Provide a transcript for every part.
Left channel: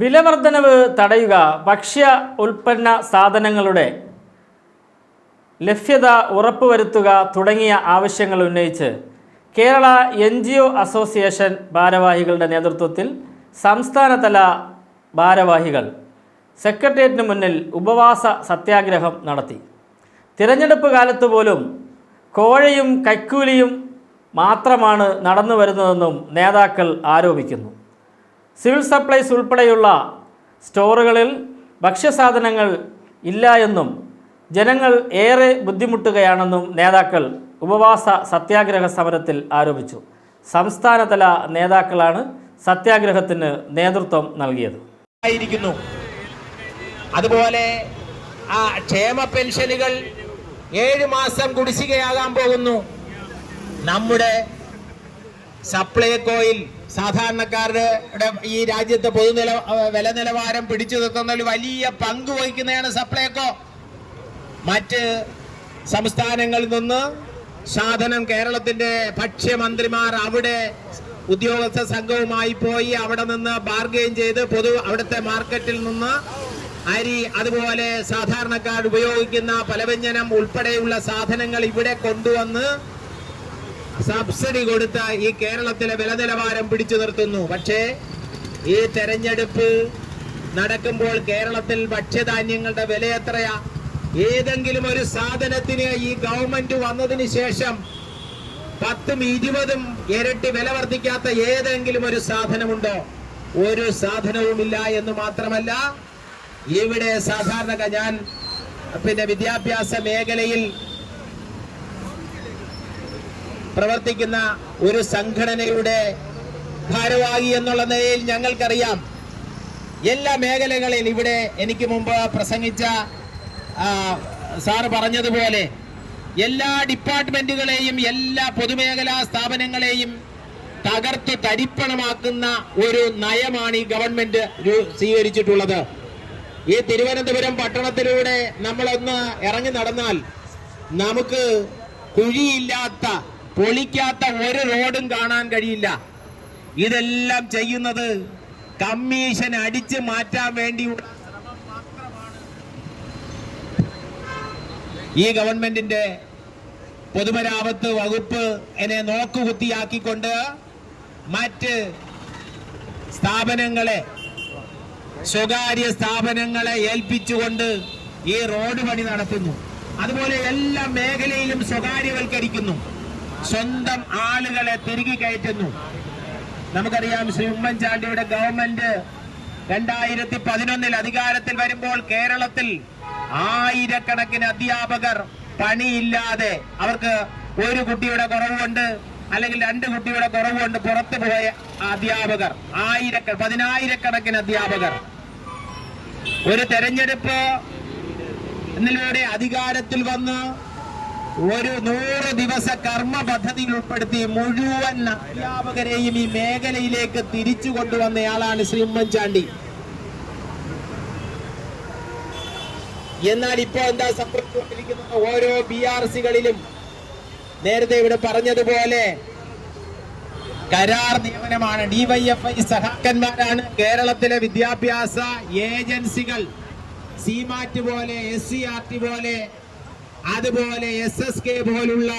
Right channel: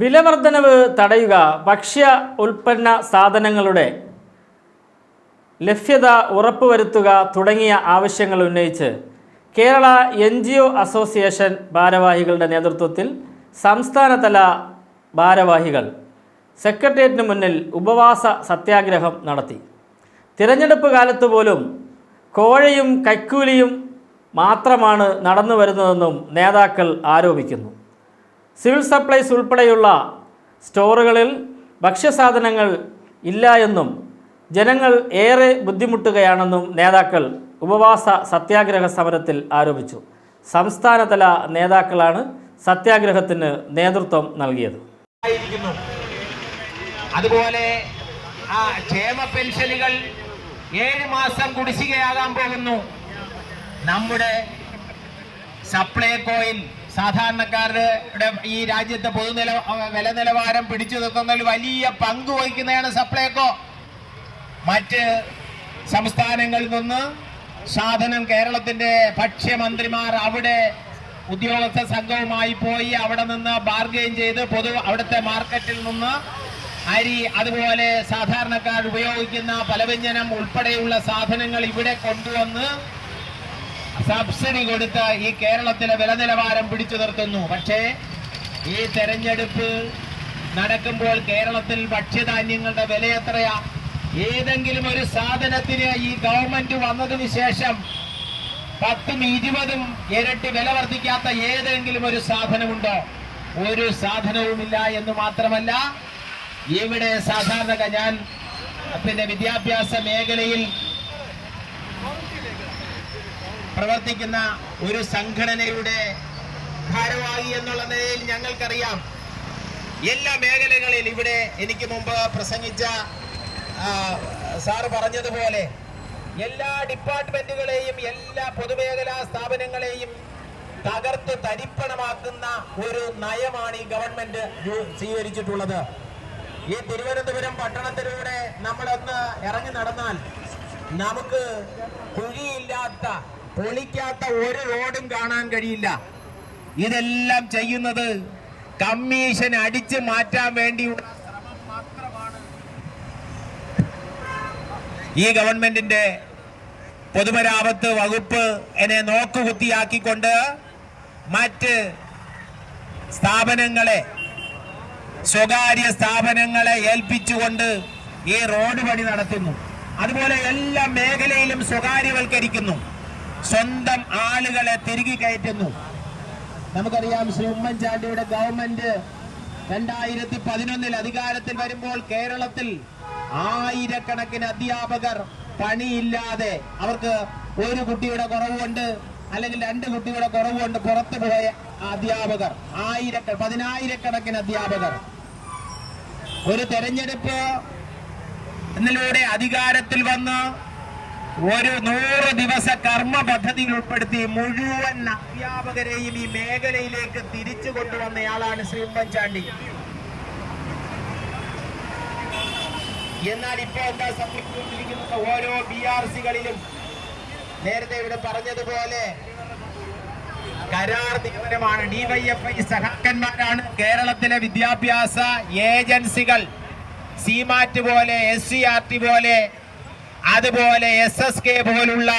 വിലവർദ്ധനവ് തടയുക, ഭക്ഷ്യ ഉൽപ്പന്ന സാധനങ്ങളുടെ ലഭ്യത ഉറപ്പുവരുത്തുക തുടങ്ങിയ ആവശ്യങ്ങൾ ഉന്നയിച്ച് കേരള NGO അസോസിയേഷൻ ഭാരവാഹികളുടെ നേതൃത്വത്തിൽ സംസ്ഥാനതല ഭാരവാഹികൾ സെക്രട്ടേറിയറ്റിന് മുന്നിൽ ഉപവാസ സത്യാഗ്രഹം നടത്തി. തിരഞ്ഞെടുപ്പ് കാലത്ത് പോലും കോഴയും കൈക്കൂലിയും മാത്രമാണ് നടന്നു വരുന്നതെന്നും നേതാക്കൾ ആരോപിക്കുന്നു. സിവിൽ സപ്ലൈസ് ഉൾപ്പെടെയുള്ള സ്റ്റോറുകളിൽ ഭക്ഷ്യസാധനങ്ങൾ ഇല്ല എന്നും ജനങ്ങൾ ഏറെ ബുദ്ധിമുട്ടുകയാണെന്നും നേതാക്കൾ ഉപവാസ സത്യാഗ്രഹ സമരത്തിൽ ആരോപിച്ചു. സംസ്ഥാനതല നേതാക്കളാണ് സത്യാഗ്രഹത്തിന് നേതൃത്വം നൽകിയത്. അതുപോലെ ക്ഷേമ പെൻഷനുകൾ 7 മാസം കുടിശ്ശികയാകാൻ പോകുന്നു. നമ്മുടെ സപ്ലൈകോയിൽ സാധാരണക്കാരുടെ ഈ രാജ്യത്തെ വില നിലവാരം പിടിച്ചു നിർത്തുന്നതിൽ വലിയ പങ്ക് വഹിക്കുന്നതാണ് സപ്ലൈകോ. മറ്റ് സംസ്ഥാനങ്ങളിൽ നിന്ന് സാധനം കേരളത്തിന്റെ ഭക്ഷ്യമന്ത്രിമാർ അവിടെ ഉദ്യോഗസ്ഥ സംഘവുമായി പോയി അവിടെ നിന്ന് ബാർഗെയിൻ ചെയ്ത് അവിടുത്തെ മാർക്കറ്റിൽ നിന്ന് അരി, അതുപോലെ സാധാരണക്കാർ ഉപയോഗിക്കുന്ന പലവ്യഞ്ജനം ഉൾപ്പെടെയുള്ള സാധനങ്ങൾ ഇവിടെ കൊണ്ടുവന്ന് സബ്സിഡി കൊടുത്ത് ഈ കേരളത്തിലെ വില നിലവാരം പിടിച്ചു നിർത്തുന്നു. പക്ഷേ ഈ തെരഞ്ഞെടുപ്പ് നടക്കുമ്പോൾ കേരളത്തിൽ ഭക്ഷ്യധാന്യങ്ങളുടെ വില എത്രയാ? ഏതെങ്കിലും ഒരു സാധനത്തിന് ഈ ഗവൺമെന്റ് വന്നതിന് ശേഷം 10ഉം 20ഉം ഇരട്ടി വില വർദ്ധിക്കാത്ത ഏതെങ്കിലും ഒരു സാധനമുണ്ടോ? ഒരു സാധനവുമില്ല. എന്ന് മാത്രമല്ല, ഇവിടെ ഞാൻ വിദ്യാഭ്യാസ മേഖലയിൽ പ്രവർത്തിക്കുന്ന ഒരു സംഘടനയുടെ ഭാരവാഹി എന്നുള്ള നിലയിൽ ഞങ്ങൾക്കറിയാം എല്ലാ മേഖലകളിൽ ഇവിടെ എനിക്ക് മുമ്പ് പ്രസംഗിച്ച സാറ് പറഞ്ഞതുപോലെ എല്ലാ ഡിപ്പാർട്ട്മെന്റുകളെയും എല്ലാ പൊതുമേഖലാ സ്ഥാപനങ്ങളെയും തകർത്ത് തരിപ്പണമാക്കുന്ന ഒരു നയമാണ് ഈ ഗവൺമെന്റ് സ്വീകരിച്ചിട്ടുള്ളത്. ഈ തിരുവനന്തപുരം പട്ടണത്തിലൂടെ നമ്മളൊന്ന് ഇറങ്ങി നടന്നാൽ നമുക്ക് കുഴിയില്ലാത്ത, പൊളിക്കാത്ത ഒരു റോഡും കാണാൻ കഴിയില്ല. ഇതെല്ലാം ചെയ്യുന്നത് കമ്മീഷൻ അടിച്ചു മാറ്റാൻ വേണ്ടിയുള്ള ശ്രമം മാത്രമാണ്. ഈ ഗവൺമെന്റിന്റെ പൊതുമരാമത്ത് വകുപ്പ് എന്നെ നോക്കുകുത്തിയാക്കിക്കൊണ്ട് മറ്റ് സ്ഥാപനങ്ങളെ, സ്വകാര്യ സ്ഥാപനങ്ങളെ ഏൽപ്പിച്ചുകൊണ്ട് ഈ റോഡ് പണി നടത്തുന്നു. അതുപോലെ എല്ലാ മേഖലയിലും സ്വകാര്യവൽക്കരിക്കുന്നു. സ്വന്തം ആളുകളെ തിരികെ കയറ്റുന്നു. നമുക്കറിയാം, ശ്രീ ഉമ്മൻചാണ്ടിയുടെ ഗവൺമെന്റ് 2011 അധികാരത്തിൽ വരുമ്പോൾ കേരളത്തിൽ ആയിരക്കണക്കിന് അധ്യാപകർ പണിയില്ലാതെ, അവർക്ക് ഒരു കുട്ടിയുടെ കുറവുണ്ട് അല്ലെങ്കിൽ 2 കുട്ടിയുടെ കുറവുണ്ട് പുറത്തു പോയ അധ്യാപകർ, 10,000-കണക്കിന് അധ്യാപകർ ഒരു തെരഞ്ഞെടുപ്പ് എന്നിലൂടെ അധികാരത്തിൽ വന്ന് ഒരു 100 ദിവസ കർമ്മ പദ്ധതിയിൽ ഉൾപ്പെടുത്തി മുഴുവൻ അധ്യാപകരെയും ഈ മേഖലയിലേക്ക് തിരിച്ചു കൊണ്ടുവന്നയാളാണ് ശ്രീ ഉമ്മൻചാണ്ടി. എന്നാൽ ഇപ്പോൾ എന്താ സംഭവിച്ചുകൊണ്ടിരിക്കുന്നത്? ഓരോ BRCകളിലും നേരത്തെ ഇവിടെ പറഞ്ഞതുപോലെ കരാർ നിയമനമാണ്. DYFI സഹാക്കന്മാരാണ് കേരളത്തിലെ വിദ്യാഭ്യാസ ഏജൻസികൾ. CMAT പോലെ, SCRT പോലെ, അതുപോലെ SSK പോലുള്ള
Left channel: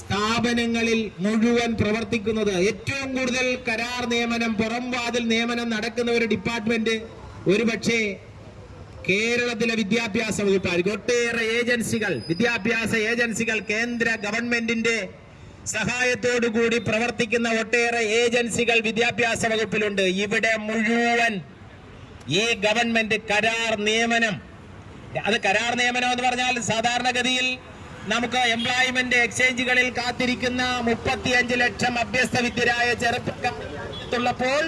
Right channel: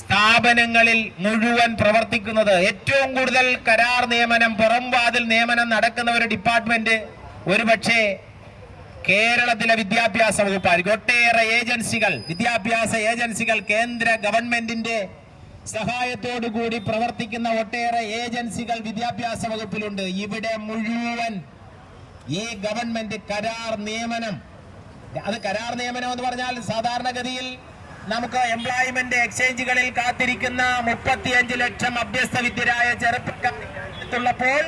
സ്ഥാപനങ്ങളിൽ മുഴുവൻ പ്രവർത്തിക്കുന്നത്. ഏറ്റവും കൂടുതൽ കരാർ നിയമനം, പുറംവാതിൽ നിയമനം നടക്കുന്ന ഒരു ഡിപ്പാർട്ട്മെന്റ് ഒരുപക്ഷെ കേരളത്തിലെ വിദ്യാഭ്യാസ വകുപ്പായിരിക്കും. ഒട്ടേറെ ഏജൻസികൾ, വിദ്യാഭ്യാസ ഏജൻസികൾ, കേന്ദ്ര ഗവൺമെന്റിന്റെ സഹായത്തോടു കൂടി പ്രവർത്തിക്കുന്ന ഒട്ടേറെ ഏജൻസികൾ വിദ്യാഭ്യാസ വകുപ്പിലുണ്ട്. ഇവിടെ മുഴുവൻ ഈ ഗവൺമെന്റ് കരാർ നിയമനം. അത് കരാർ നിയമനം എന്ന് പറഞ്ഞാൽ സാധാരണഗതിയിൽ നമുക്ക് എംപ്ലോയ്മെന്റ് എക്സ്ചേഞ്ചുകളിൽ കാത്തിരിക്കുന്ന 35 ലക്ഷം അഭ്യസ്തവിദ്യരായ ചെറുപ്പക്കാരുള്ളപ്പോൾ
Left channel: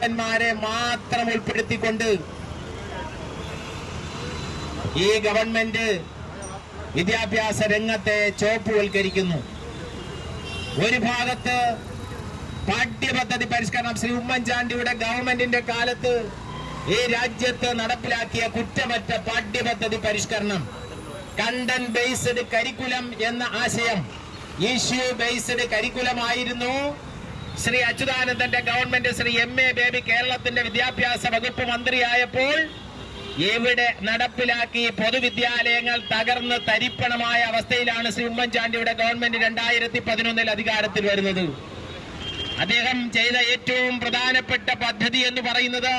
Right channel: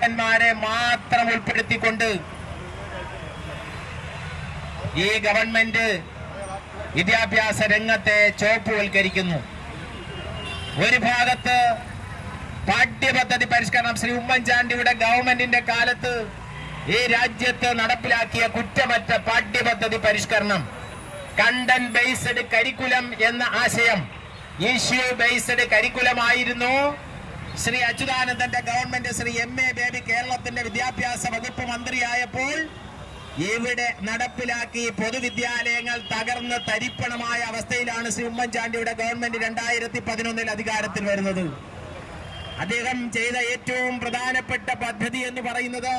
ഡിമാരെ മാത്രം ഉൾപ്പെടുത്തിക്കൊണ്ട് ഈ ഗവൺമെന്റ് വിദ്യാഭ്യാസ രംഗത്തെ ചോപ്പുവൽക്കരിക്കുന്നു. ഒരു ഭാഗത്ത് പാഠ്യപദ്ധതി പരിഷ്കരണം, ശ്രീ ഉമ്മൻചാണ്ടിയുടെ ഗവൺമെന്റിന്റെ കാലത്ത് ഈ രാജ്യത്ത് നടപ്പിലാക്കിയ കുറ്റമറ്റ പാഠ്യപദ്ധതി പരിഷ്കരണം, കണ്ടന്റ് ബേസ്ഡ് കരിക്കുലം എന്ന ആശയം ഇഷ്യൂ ബേസ്ഡ് കരിക്കുലം ആയിരുന്നു ശ്രീ അച്യുതാനന്ദന്റെ ഗവൺമെന്റ് ശ്രീ എം.എ. ബേബി കേരളത്തിന്റെ വിദ്യാഭ്യാസ വകുപ്പ് മന്ത്രിയായപ്പോൾ ഇവിടെ നടപ്പിലാക്കി പൊതുവിദ്യാലയങ്ങൾ തകർന്ന് തരിപ്പണമായ അവസ്ഥയിലാണ് ശ്രീ ഉമ്മൻചാണ്ടിയുടെ ഗവൺമെന്റ് 2011 അധികാരത്തിൽ വരുന്നത്. അദ്ദേഹം ചെയ്ത ഏറ്റവും പ്രധാനപ്പെട്ട പദ്ധതി എന്ന് പറയുന്നത്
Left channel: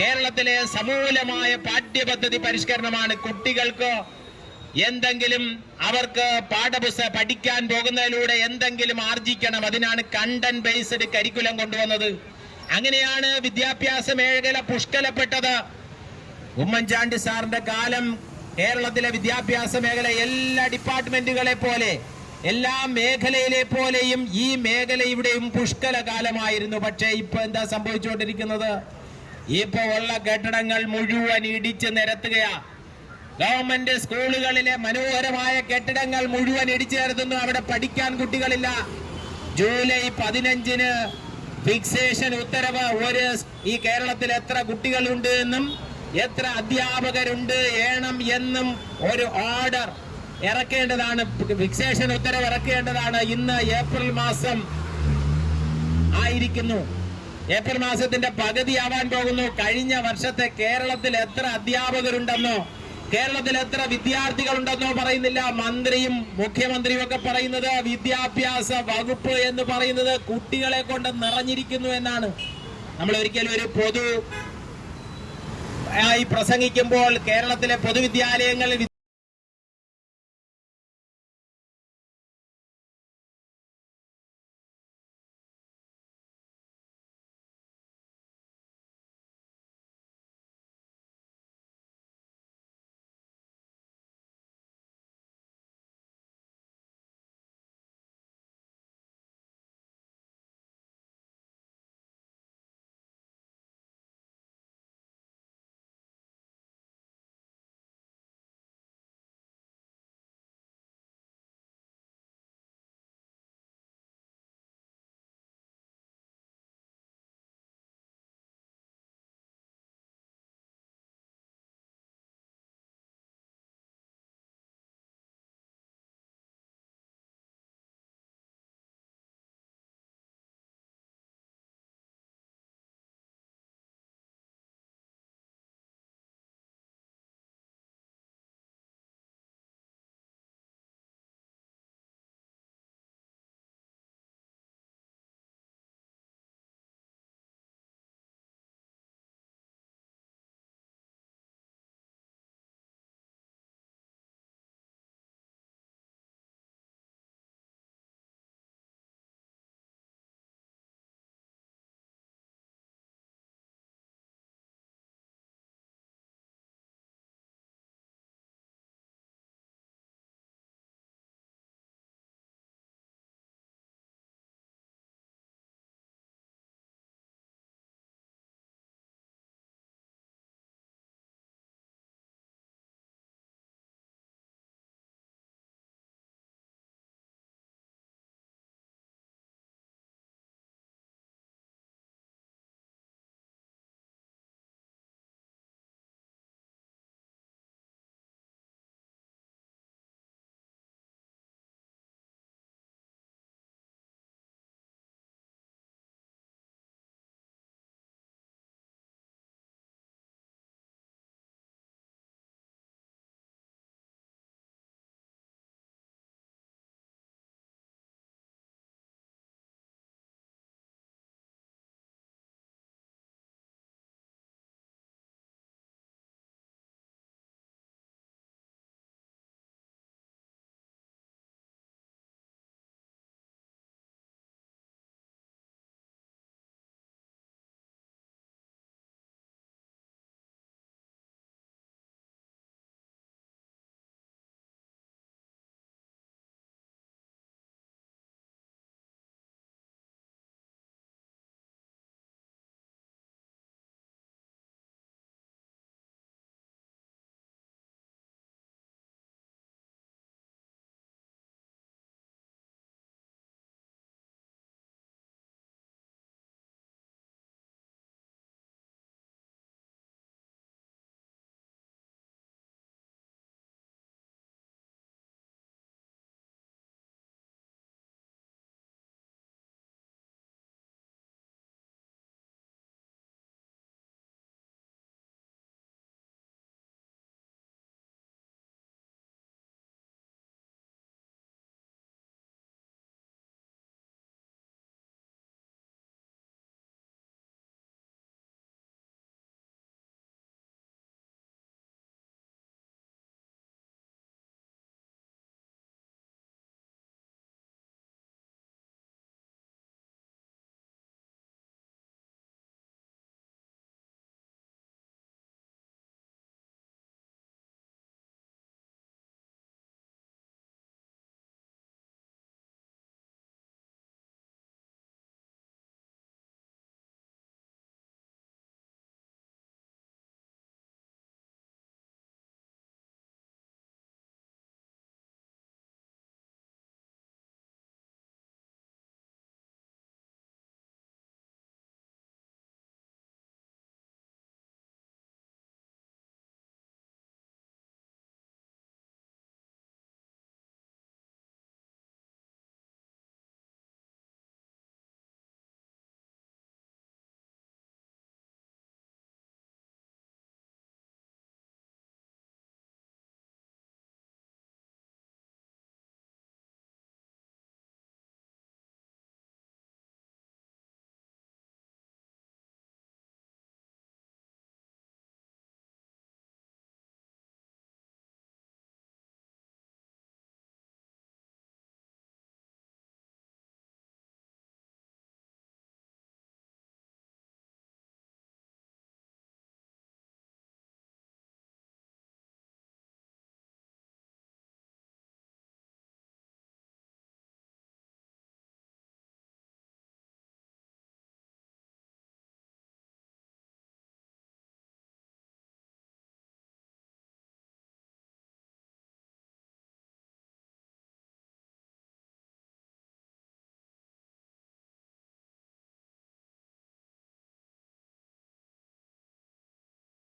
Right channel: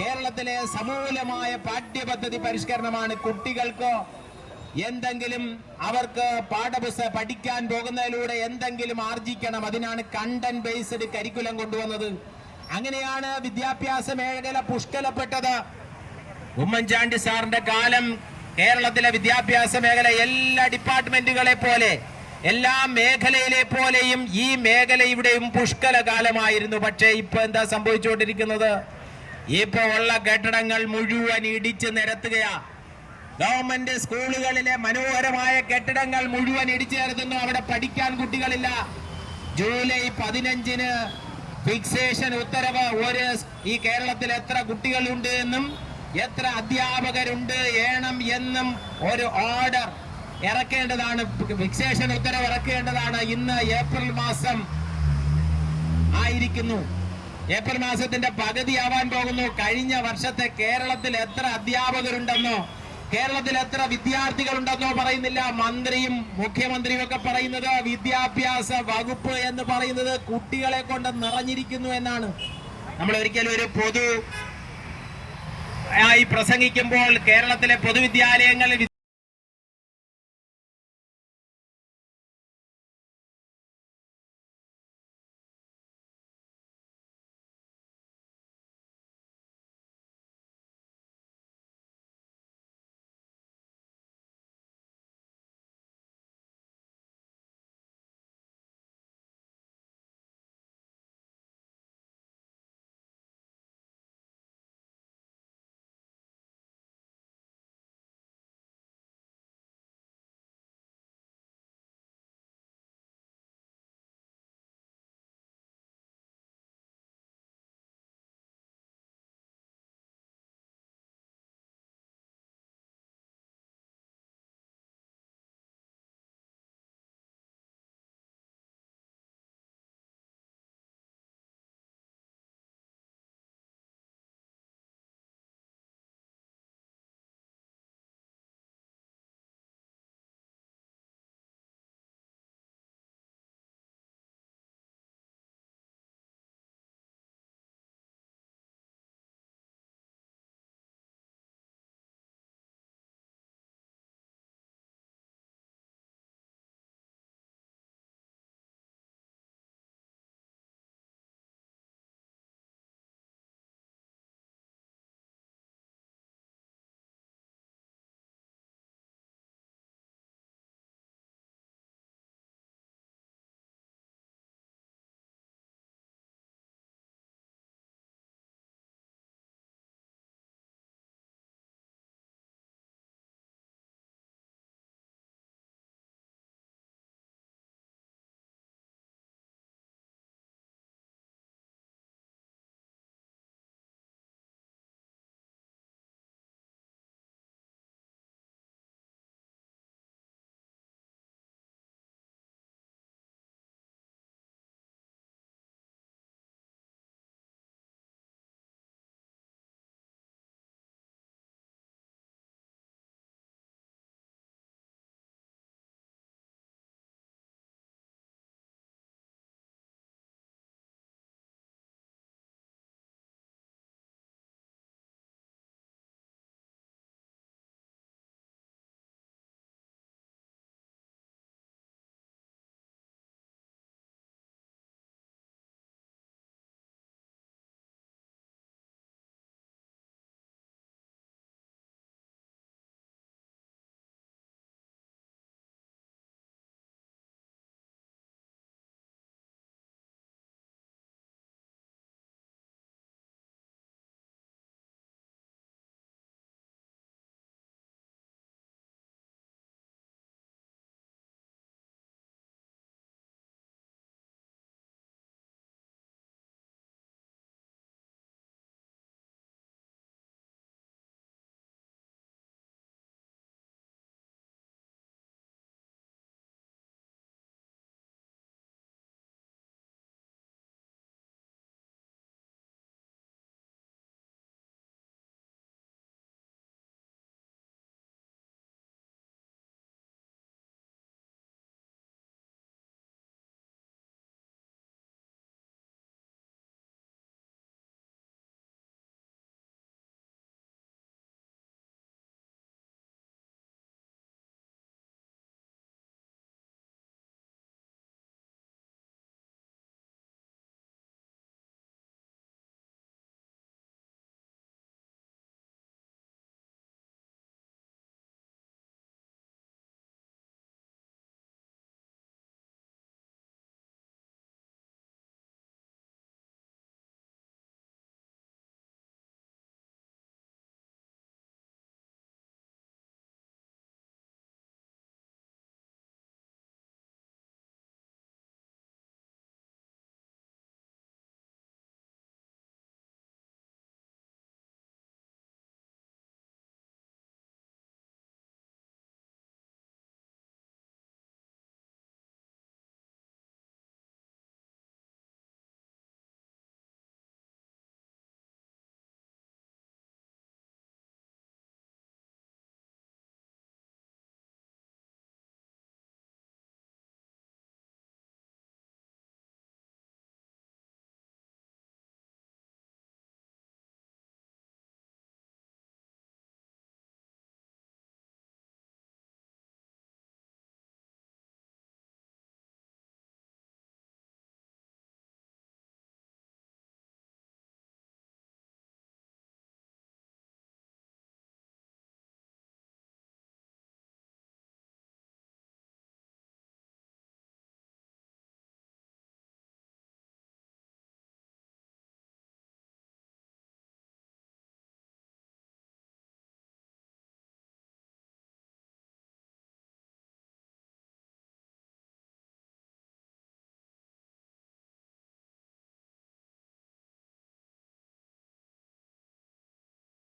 കേരളത്തിലെ സമൂലമായ പാഠ്യപദ്ധതി പരിഷ്കരണമാണ്. കുട്ടികൾക്ക് എന്തെങ്കിലും അവർക്ക് പാഠപുസ്തകം പഠിക്കാൻ പോകുന്നതിലൂടെ എന്തെങ്കിലും ആർജിക്കണം, അതിനാണ് കണ്ടന്റ് ബേസ്ഡ് കരിക്കുലം കൊണ്ടുവന്നത്. അങ്ങനെയാണ് വിദ്യാഭ്യാസ മേഖല പുഷ്കലപ്പെട്ടത്. ഉമ്മൻചാണ്ടി സാറിന്റെ കാലം കേരളത്തിലെ വിദ്യാഭ്യാസ മേഖല എല്ലാ ഡിപ്പാർട്ട്മെന്റുകളെ പോലെ എല്ലാ മേഖലയിലെ പോലെയും ഈ മേഖലയുടെയും പുഷ്കല കാലമായിരുന്നു. പക്ഷേ ഇപ്പൊ എന്താ സംഭവിച്ചുകൊണ്ടിരിക്കുന്നത്? ഇപ്പൊ ഉള്ള കെട്ടിടങ്ങൾ മുഴുവൻ ഇടിച്ചു നിരത്തുകയാ. ഗവൺമെന്റ് സ്കൂളുകളിലെ മനോഹരമായ കെട്ടിടങ്ങൾ മുഴുവൻ ഇടിച്ചു നിരത്തുന്നു. അവിടെ പഠിക്കാൻ കുട്ടികളില്ല. ജൂലൈ 15 ഫിക്സേഷൻ ഉത്തരവ് ഈ കേരളത്തിൽ എത്ര കുട്ടികളുണ്ട് എന്നും എത്ര അധ്യാപകരുണ്ട് എന്നും ഒരു ഓർഡർ ഇറക്കേണ്ടതാണ്. ഫിക്സേഷൻ ഉത്തരവ് ഇറക്കേണ്ടതാണ്. ഇന്ന് ഏപ്രിൽ മാസം ആയിരിക്കുന്നു. ഏപ്രിൽ മാസത്തിന്റെ പകുതിയാവാൻ പോകുന്നു. കഴിഞ്ഞ വർഷത്തെ കേരളത്തിൽ എത്ര അധ്യാപകരുണ്ടെന്നോ കേരളത്തിൽ എത്ര വിദ്യാർത്ഥികളുണ്ടെന്നോ പറയുന്നില്ല. മന്ത്രിയും മുഖ്യമന്ത്രിയും ഒക്കെ പറയുന്നത് വിദ്യാഭ്യാസ വകുപ്പ് എന്ന് പറയുന്നത് കുട്ടികളെ കൊണ്ട് നിറഞ്ഞിരിക്കുന്നു എന്നാണ്. നമ്മൾ ഒരിക്കലും ഒരു ആയി പ്രസംഗിക്കുമ്പോൾ കേരളത്തിലെ പൊതുവിദ്യാലയങ്ങളിൽ